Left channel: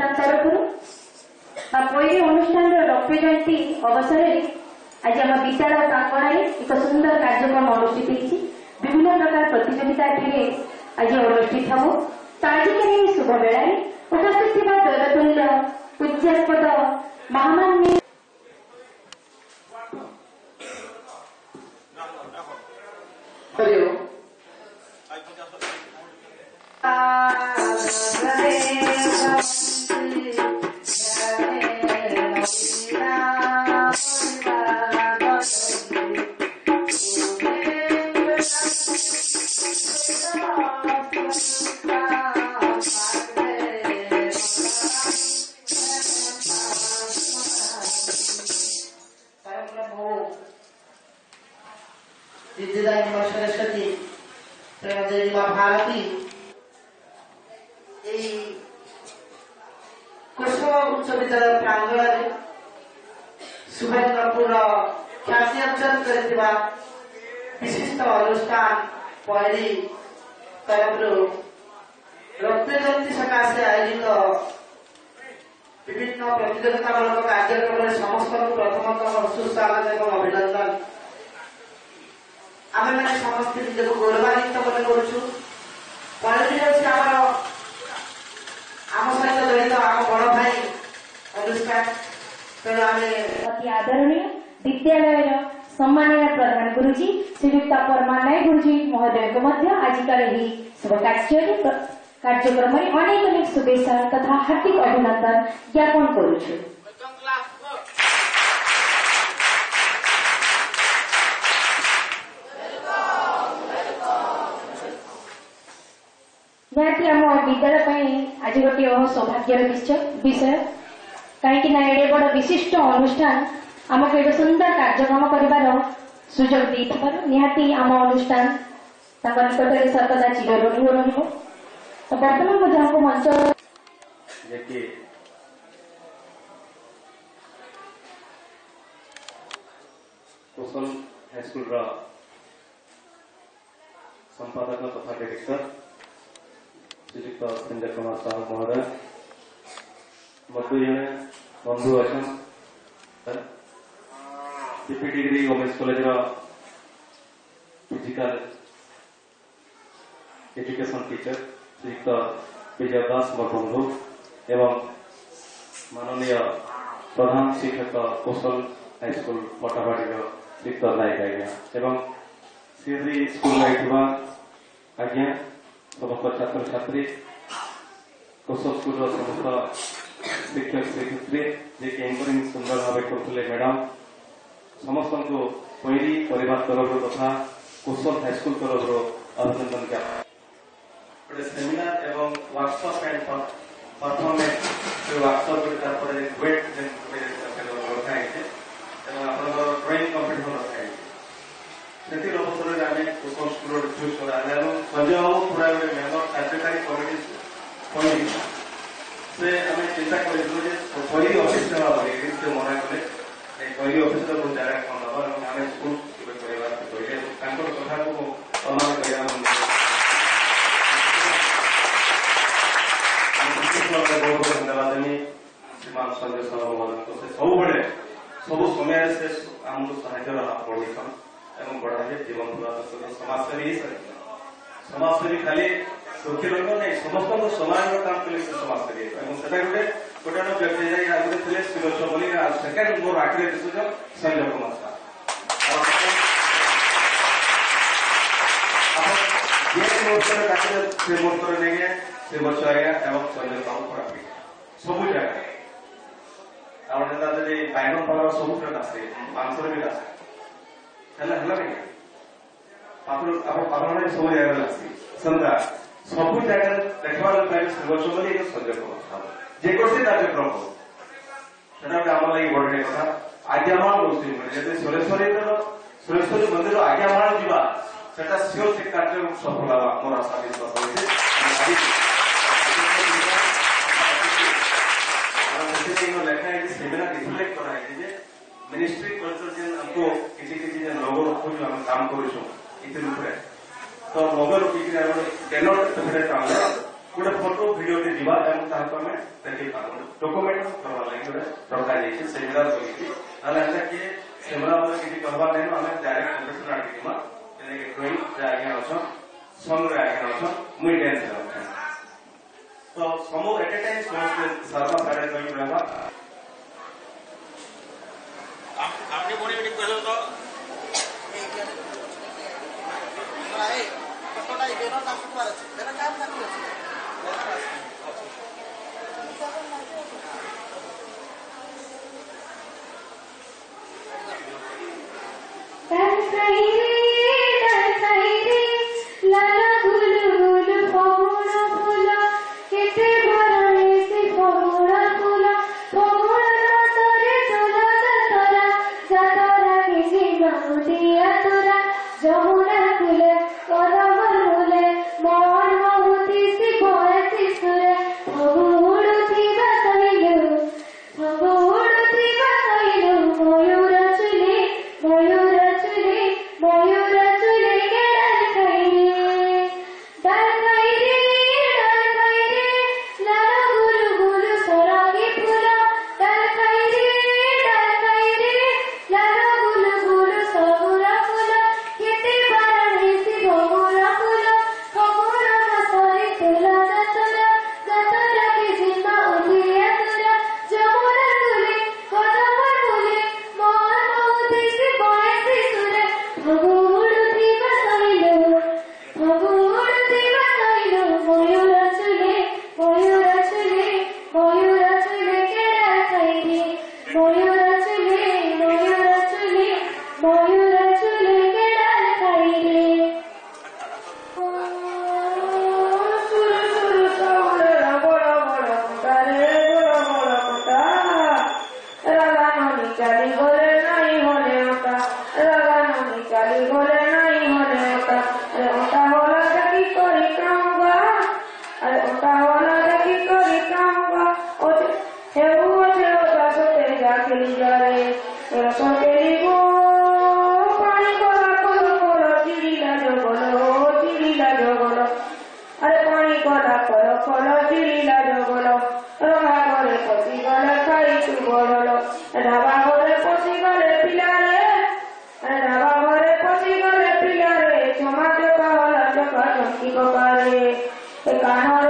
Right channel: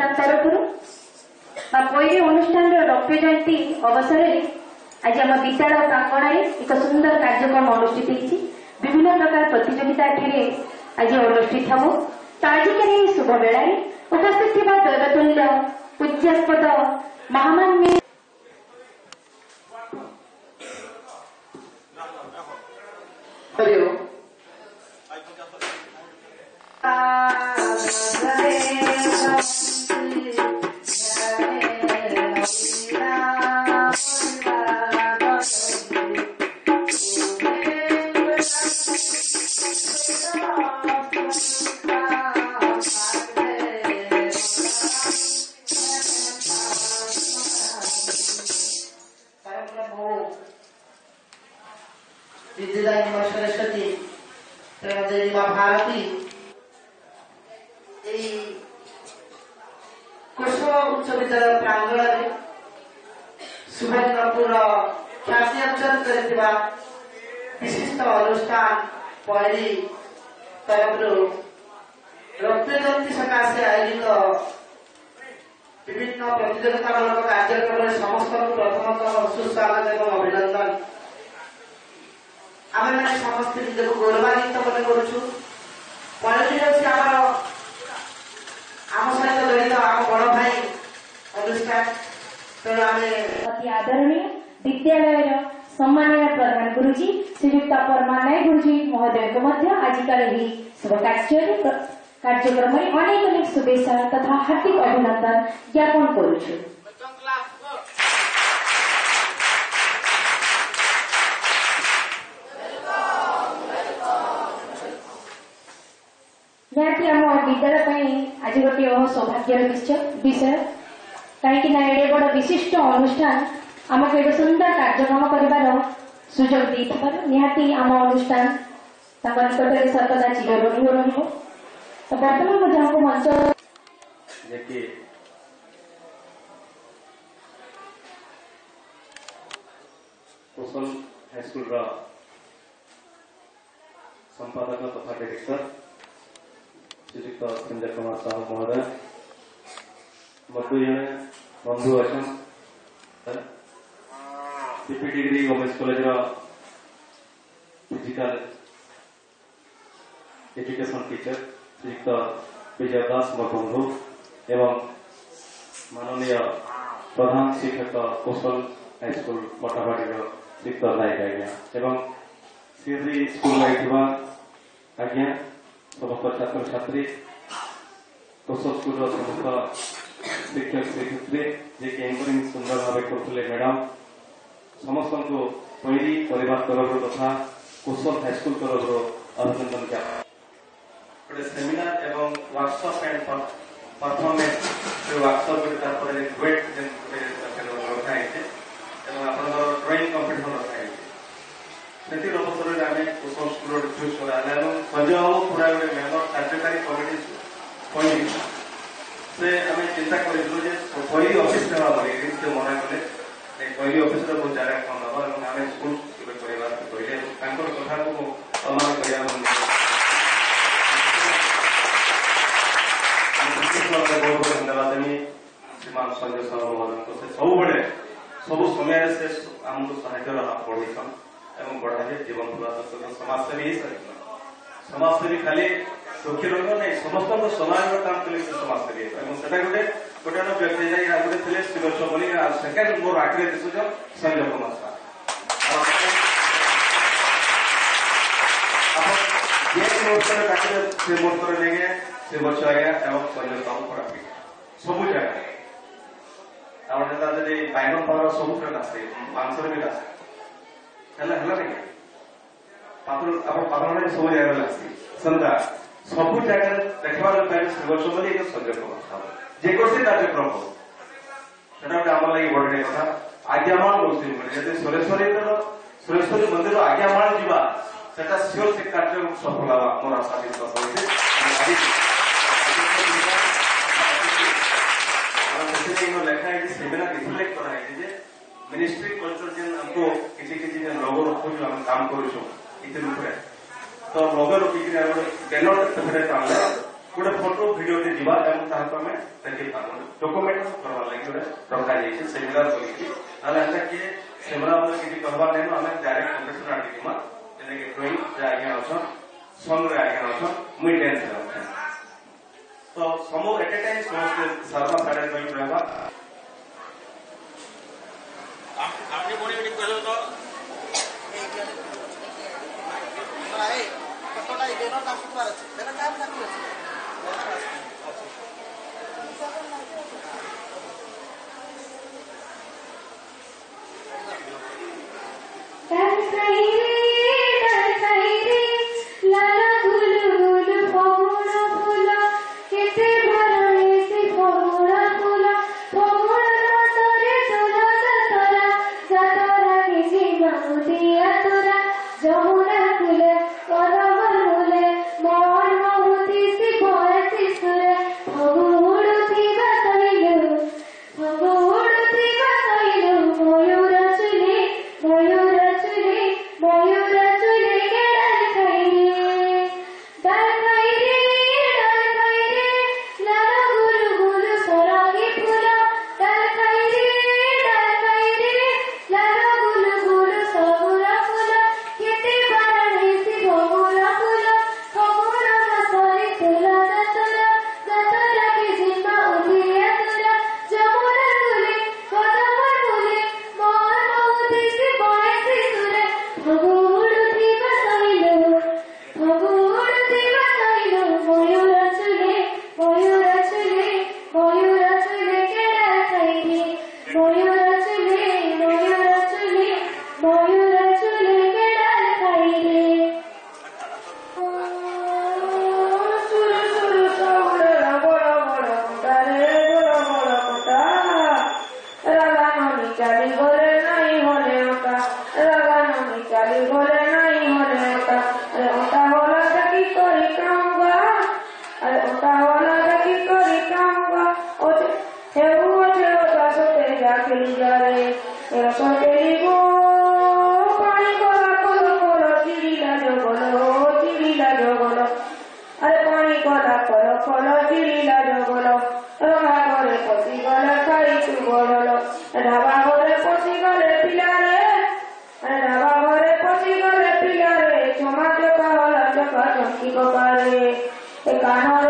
अनुष्ठान तरफ पैरी अनुष्ठान रौप्य जयंती अवसर में आज आम विद्यालय प्रांगण में एक सुंदर कार्यक्रम अनुष्ठित होती विभिन्न प्रकार प्रतियोगिता आज अनुष्ठित हम तो आजिक शुभ बेला उपस्थित थी दैवतुल्य पूज्यास्पद महामान्य विद्यादायिनी सरस्वती प्रेमदेवी माँ भारती कुसुम उच्च विद्यालय प्रांगण में सुभाषपुर ख्याति अर्जन कर विशिष्ट अनुष्ठान पैरी तरफ रौप्य जयंती सकाशे आयोजित विभिन्न प्रतियोगितामूलक कार्यक्रम में समस्त प्रथमतः सुस्वागत एवं अभिनंदन आम मैंने समस्त निजक गौरवान्वित मन करुचु आम सहित जड़ित आम बड़ भाई अनुष्ठान तेणु आम अति आदरणीय विद्यालय सम्माननीय प्रधान गुरुजी श्रीयुक्त परमानाय गुरुजी महोदय को आजिकल शुभ कार्यक्रम में अनेक अनेक शुभेच्छा तथा हार्दिक अभिनंदन ज्ञापन करुछु। निहाती आम विद्यालय आज गोटे सौभाग्यर विषय कहीं एडे बड़ विशिष्ट अनुष्ठान आमको एक सुंदर कार्यक्रम कर सुजोग देथिबार निहाती आम अनुष्ठान निकट सर्वदा चिरऋणी रहिबो। तो बर्तमान मुझे हमको मंच कुशल हाईस्कूल संपादक तथा डायरेक्टर श्रीयुक्त संजय कुमार साहू महोदय मत जड़े बंधु अच्छा CP degree women's college physical education teacher श्रीयुक्त विजय दास मोर बंधु एवं माननीय प्रधान शिक्षक कौशल हाईस्कूल पटाबाड़ी श्रीयुक्त नायक आज्ञा एवं श्री स्कूल आज्ञा समस्त छात्र छात्री कौशल स्कूल समस्त शिक्षक शिक्षयित्री जे एंकरिंग सुंदर भाव करते मैडम समस्त को पैरी परिवार तरफ तथा कौशल हाईस्कूल तरफ अभिनंदन ज्ञापन गोटे सेमिनार एवं वर्कशॉप एंड परफॉर्मेंस वर्कशॉप वेट रखा ड्रॉइंग कंपिटिशन रखा से अवसर में आम कुशल स्कूल चूज कर संजय बाबू पूरा गोटे मेम्बर कार्यकारी कमिटी से आम चिंता करूँ पैरी ऑफिस से मना कले पैरी ऑफिस जगह कौन हम आम स्कूल कहले कथा को सम्मान कर धन्यवाद देवी श्रीमान संजय साहू महोदय से सब समय से आमको साहित्य हाथ बढ़ेसन एवं बढ़ाए जीवन पूरा समाजसेवी ही समाजसेवी खाली सुखी रंग नहीं समस्त समाज काम कले समाजसेवी गोटे गोटे व्यक्ति जाए आगे थे श्रीवत्स बोली सेकेंड मोर आगे दिशुच संजय कुमार साहू मुहूर्त डाके से मुहूर्त नहीं श्रीवत्स आज्ञा एवं संजय साहू प्राप्ति सब जगह बैगन पावर सब आसे मांसर भी आसे सब जगह लगे संता सब जगह देखा श्रीवत्स बोली संजय कुमार साहू जेकोसी कार्यक्रम से आम लगे बड़े कथा आज्ञामाल बोलते सुरेश्वरी मंदिर आज्ञामाल जावा से सियोर से कार्य सफल मोर आशा विश्वास लेखा सेमिनार रिफ्लेक्ट कराई मिनिस्ट्री कल्चर जेन हमको किसी लोगो रखु हम काम करूँ तो लोगो रखिक बैनर टाणले गोटे फोटो वीडियो दिवा एवं ताको हमें देखि पाबो डॉक्यूमेंट करवा लागि गोटे रखा जाइए सेमिनार करिछि आला एटा के सेमिनार में किछि कहबा नै हमें डायरेक्ट प्रोफेशनल आर्टिकमा जेने के ड्राइंग जे आगे अछन सॉन्ग रे आगे अछन मुई डांस करछन तो समो एट ए टाइम समस्त सर्वा साडे कहि रहबा आपने बोले कि कहलो तो भाई कटोला इबेनो काम कर अछि तेरा काम ना कर अछि कानर